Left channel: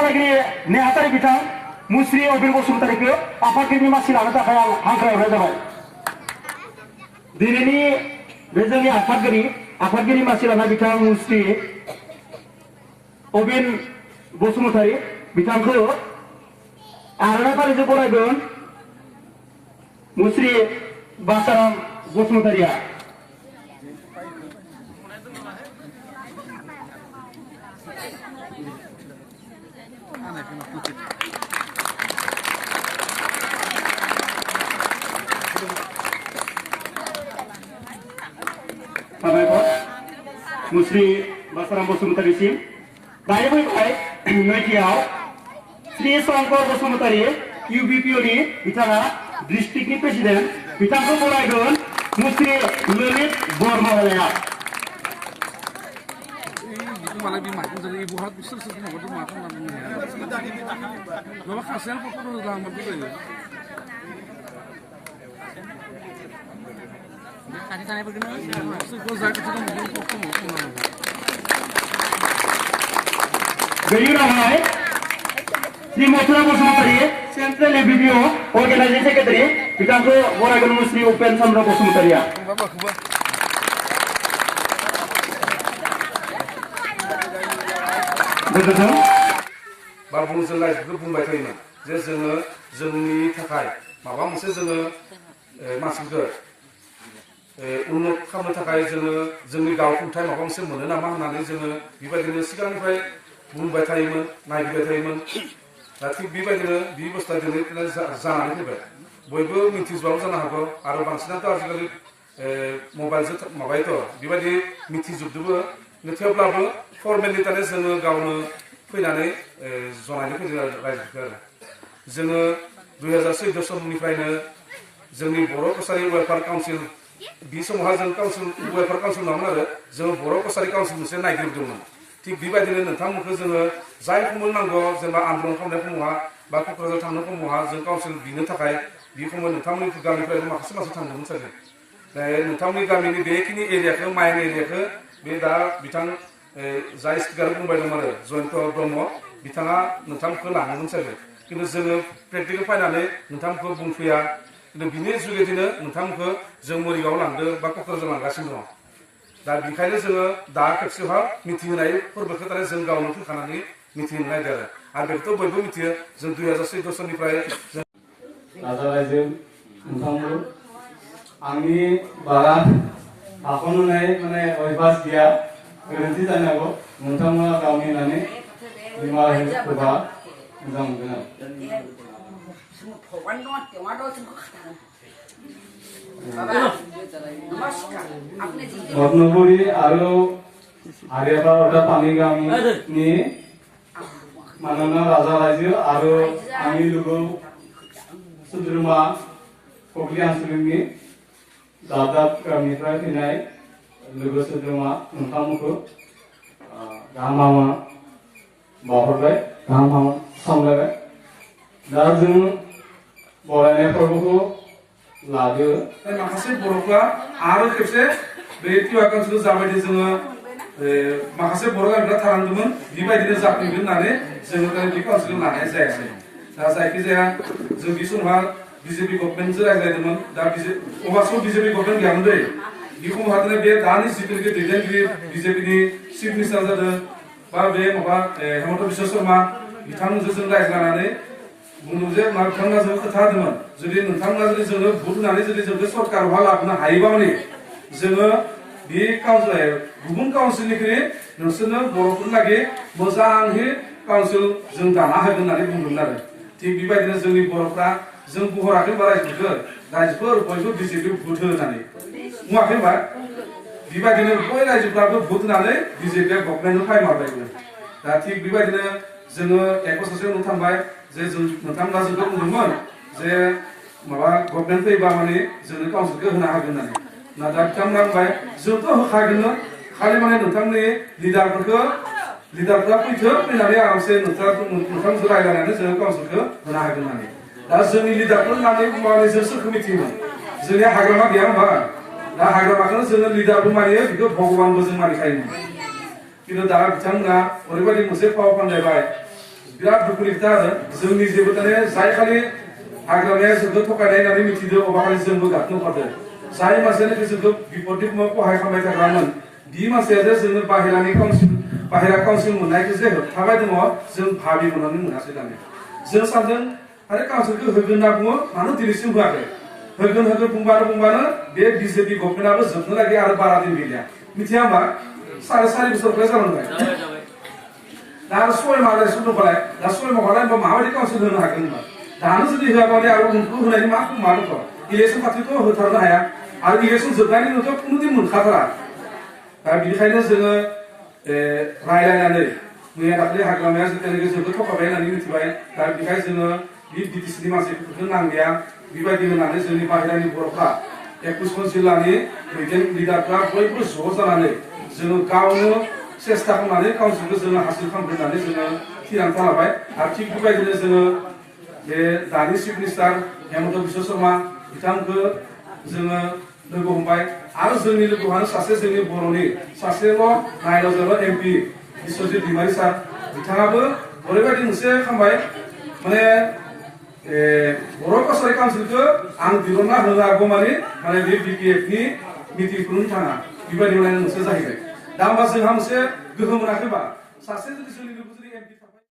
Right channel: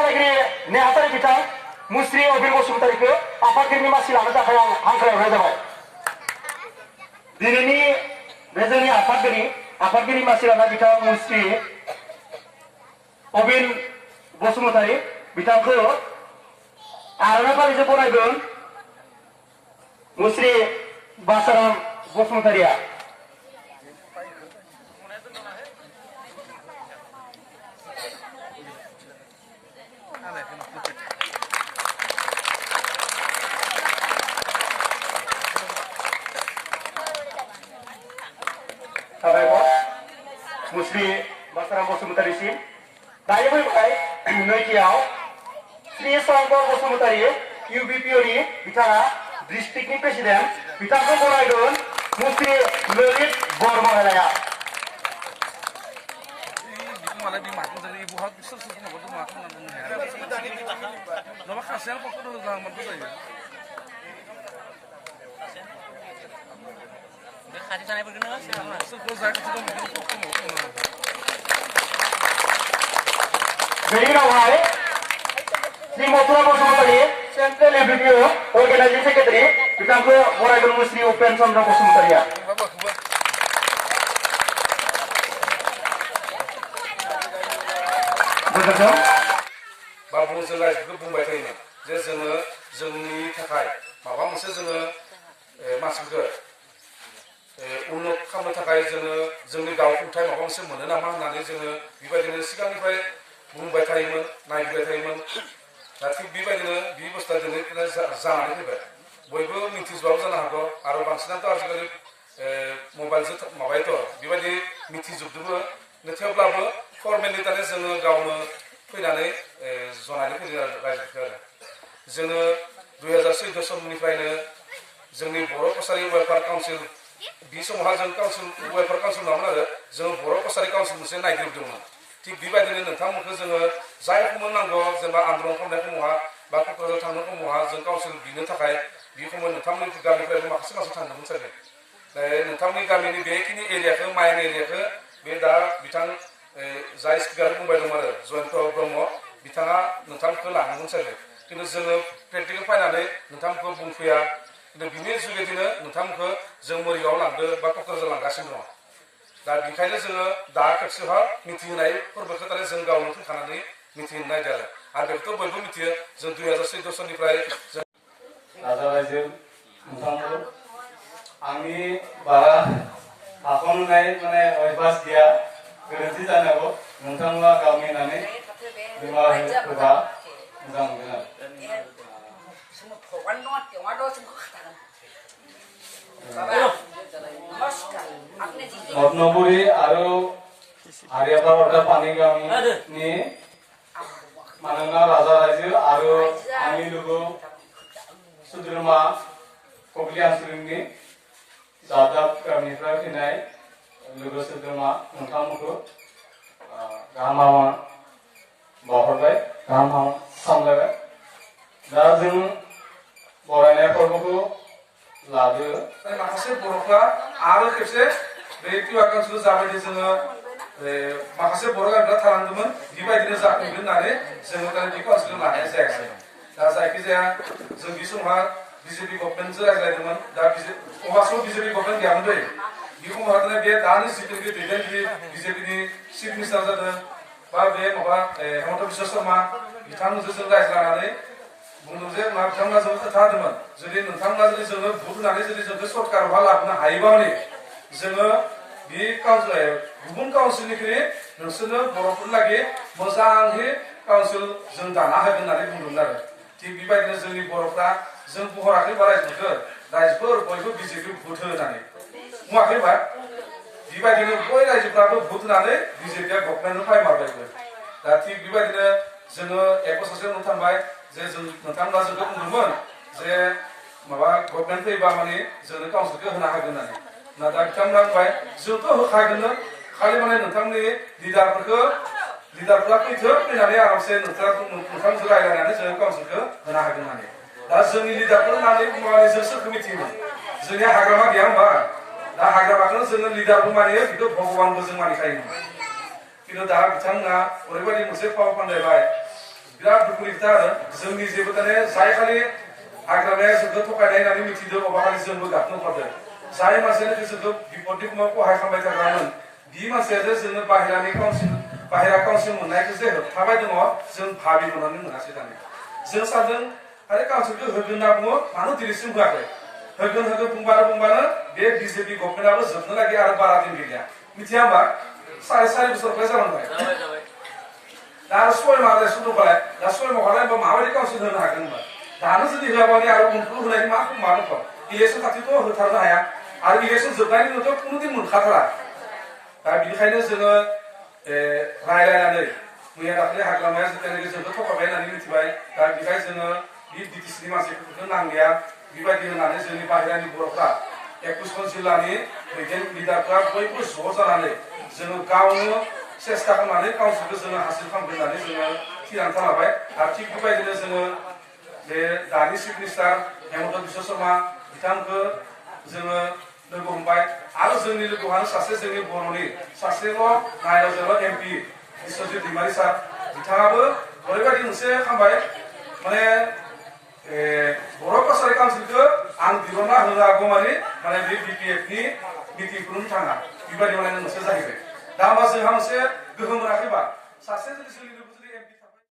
जानायगिरि नेहाथारि बिथां मुस्रि अबिर बसुमतारीखौ आफादगिरिनि मासि लानो थाखाय आं हांख्रायहरनाय जाबाय। दिनैनि बे जोंनि आफादगिरि मासि लानाय बिथां मुस्रि अबिर बसुमतारी बिथांखौ आर'नाइ फालिजों बरायगोन मुस्रि बासाराम बसुमतारीया। साबायखर मुस्रि बासाराम बसुमतारीसिम। दायो फैबाय नैथियाव श्री शंकर बसुमतारी इउबिपिअनि बिथाङा डिस्ट्रिक्टनि प्रेसिडेन्ट बिथांखौ बरायगोन मुस्रि ललित बरमहालाया। बेनि उनावहाय श्री मथुरा बसुमतारी सेन्ट्रेल एबिपिअ अर्गेनाइजिं सेक्रेटारि बिथांखौ बरायगोन मुस्रि उपेन चन्द्र बसुमतारीया। गोजोन्थों। बाबुंजों रायजोखौ बुंबाय थायोमोन जे जोङो जोंनि थाखाय माबा मोनसे जोङो मानसिफोरखौ उन्नत खालामनो थाखाय जोङो जोंनि गाव खुंथाय माबा मोनसे मोनो नामा होननानै जोङो बेबायदिनो सिगांनिफ्राय बुंबाय थायोमोन नायगिरबाय थायोमोन। दा थिग बेबायदिनो बे बुस्थुआ दिनै जानानै फैबाय। बयबो मिथिजोबाबो जानो हागौ आरो बांसिनाथ' आजिखालि मबाइलजों माबायोथ' बेबायदि मिथिजोबदोबो। थेवब्लाबो फर्मेलि ताने जोङो गावनो फैनानै जनायनो फैदों रायजोफोरखौ आरो जोङो 2014 सननिफ्रायनो जोंनि बर' कसारि वेलफेयार काउन्सिल बे समावहा जों वेलफेयार काउन्सिल नङामोन आरो जों बर' कसारि काउन्सिल मोनसे नायगिरदोंमोन। थिग बेबायदिनो नोंथांमोनखौ जोङो जाय खमोन नांगौ जेनेबा आन्दलन खालामनाय समावहा बा क'क्राझार थांनो समावहा जों काउन्सिल बिनो थाखाय बे समाव नोंथांमोननि गामिनिफ्रायबो माखासे मानसि थांदोंमोन सागे। नोंथांमोननि गामिनि बेखिनि एरियाखौ माइन एरियाखौ बे दा बिथां जाय स्पिकार बुंबाय दं आरो जयन्त ब्रह्म बिथाङा नोंथांमोनखौ लाङोमोन सागे। खिन्थु जोङो प्रेक्टिकेल फैनानै नोंथांमोनखौ बुंफैया। खिन्थु बिनि जुगेदिनो नोंथांमोनखौ जों मरिगाव लांदो बा क'क्राझार लांगासिनो दङ। दा बेखायनो जोङो दा खेबसेहा मिथिहोनाय फोरबोखौ ताने जों गावनो फैखानानै मिथिहोनो नागिरो आरो बेखौथ' बयबो मिथियो जों 2014 सननिफ्राय जों राजा रायजो नोंथांमोन आंनि बारा हाख'नाय माने अभ्यास गैया गोरोन्थि जानो हागौ नोंथांमोना गावनि होननानै निमाहा होबा मोजां मोनगोन आरो। नदनगरी और आर्यापाड़ा पानीगांवनि मानोना राजा रायजो और आंनि लोगो सोद्रोमा ककली आनसलिकनि दादाब गामिनिफ्राय फैनाय लोगो सोद्रोमा नोंथांमोनखौ गाहाम बावहरबाय गाहाम सामलायबाय। दा जों बरायनाय फोरबोखौ लादो माखासे बर'फ्रा आरो खेबसे बे टिवा काउन्सिल जाबायदि जोङो माखासे बर' गामिफ्रा थालांदोंमोन बेबायदिनो जाफैगोन होननानै जोङो बे काउन्सिल लानाय जायासै। दा जायखिजाया जों बे समावहा बिजेपि गभर्नमेन्टजों रायज्लायदोंमोन। दा अब्लासो बिजेपि गभर्नमेन्ट गैयामोन दै बे समावहा बे दानि जिथुनाखि दैदेनगिरि बिजेपिनि चिफ मिनिस्टार जादों बा बे माबा हेमन्त बिश्व शर्मा बिथांमोनजों जों रायज्लायनानै बुंदों जे बिथांमोना जों खोथा होदोंमोन जुदि नोंथांमोना जुदि जोङो भट होनानै जुदि जोंखौ सरकारावहा लाबोनो हायोबा माने जोङो बे गुबुन काउन्सिलनिख्रुइ नोंसोरनो बर'फोरनि लागै मोजाङै काउन्सिल जों दाना होगोन होननानै बुंदोंमोन आरो। थिग बेबायदिनो जोंनि बर'फ्रा जों बुहराखै बा रायजोफोर बयबो बिजेपि भट हो होननानै बुङाखै होनबा बेबायदिनो बय रायजोफ्राबो भट होनानै बिजेपिया गभर्नमेन्टआव फायमारबायबो। दा थिग बेबायदिनो जोङो एक बोसोरसो उनाव थांबाय जे जों नोंथांमोना जोंखौ बुंदोंमोन जे माबा गभर्नमेन्ट फैबा माने जोंनो काउन्सिलखौ होनो हागोन होननानै। नाथाय बिथांमोना बुंबाय जोंथ' होखागोननो खालि माने नोंथांनि लिडारफ्रा फैनानै आरामसे नोंथांजों रायज्लायनानै जोङो काउन्सिलखौ होनो हागोन होननानै। दा जोंनि लिडारफोर होननानै बुंनानै जों सोरखौ मिथियोमोन जोंनिया हाग्रामा गैया होनबा दा हाग्रामाखौनो जोङो लिडारबो मानियो बेखौ भगबानबो जों मानिखायोमोन। खिन्थु दा बिथांमोना ओरैबायदि मोनसे फाव फान्दायबाय बिराद दुखुनि खोथा आरो जोंनि जेबो ताने जाय खालि हाग्रामाया जोंखौ थगायनाय होननानै मिथिदों अबा खालि जोंबो गाबनो ओंखारदों जाय मानसियानो जोंखौ बिपदनि समाव खहाय खालामबाय थाग्रामोन बि मानसिया जे जोङो बाहेरा काउन्सिल मोननायखौ जे होबथाबाय दङ जों भाबि मोननानै मोनासै दानि जों सानदों आरो काउन्सिलखौ होगोन होनना बुङो मानो दिनैसिम होआखै होगोन बुंबानो बे बिजेपि गभर्नमेन्टआबो जोबनो लागि आरो बारा दिन गैलिया मिथिया होमबा 4.5 बोसोरनिफ्राय जालांबाय दा आरो 6 माह जासिम दंबालाय दा 6 माहालाय होनबा माबायदि काउन्सिल होनो हागोन होनबा दानो जुदि होआबानि आरो उनफ्राव होनायनि मा दङ इलेक्सन खाथिथ' होथारनो हाया आरो इलेक्सन जोबनायनि उनावथ' खुनु दिन मोनखाथारा दा बिनिखायनो जोङो रायलायनानै मैया दाखालि हाग्रामाया जेब्लानोखि जोंखौ थगायबाय होननानै मिथिबाय दा बेनिखायनो जोङो बे बिटिसिनि मानसिफोरखौ नांलिया बेबायदि होननानै जोंनि बाहेरानि बर'फ्रा 21 जिल्लानि दैदेन लिडारफ्रा बयबो ज' जानानै जोङो गावनो सेस्था खालामनानै काउन्सिलखौ जोङो हासिल खालामगोन होननानै जोङो थिरांथा लाबाय आरो थिग बेबायदिनो जोङो बे दानि चिफ मिनिस्टार हेमन्त बिश्व शर्मा बिथांखौ जोङो लोगो हमबाय आरो जोंनि लोगोआनो सासे जोंनि बर'नि सासेल' नायल' एमपि बिश्वजित दैमारि सार बिथाङाबो ओरैबायदि मोनसे खालामबाय माने बर' कसारि काउन्सिलखौ आं दिहुनना होनो हागौ माने बे बिपिएफनि मिटिंखौनो थाङा बेबायदि मोनसे जाहैबाय दा होमबा जोंहा मोनसे गोहो मोनाखैबा सासे जुदि सोलिनोबो जुदि एमपि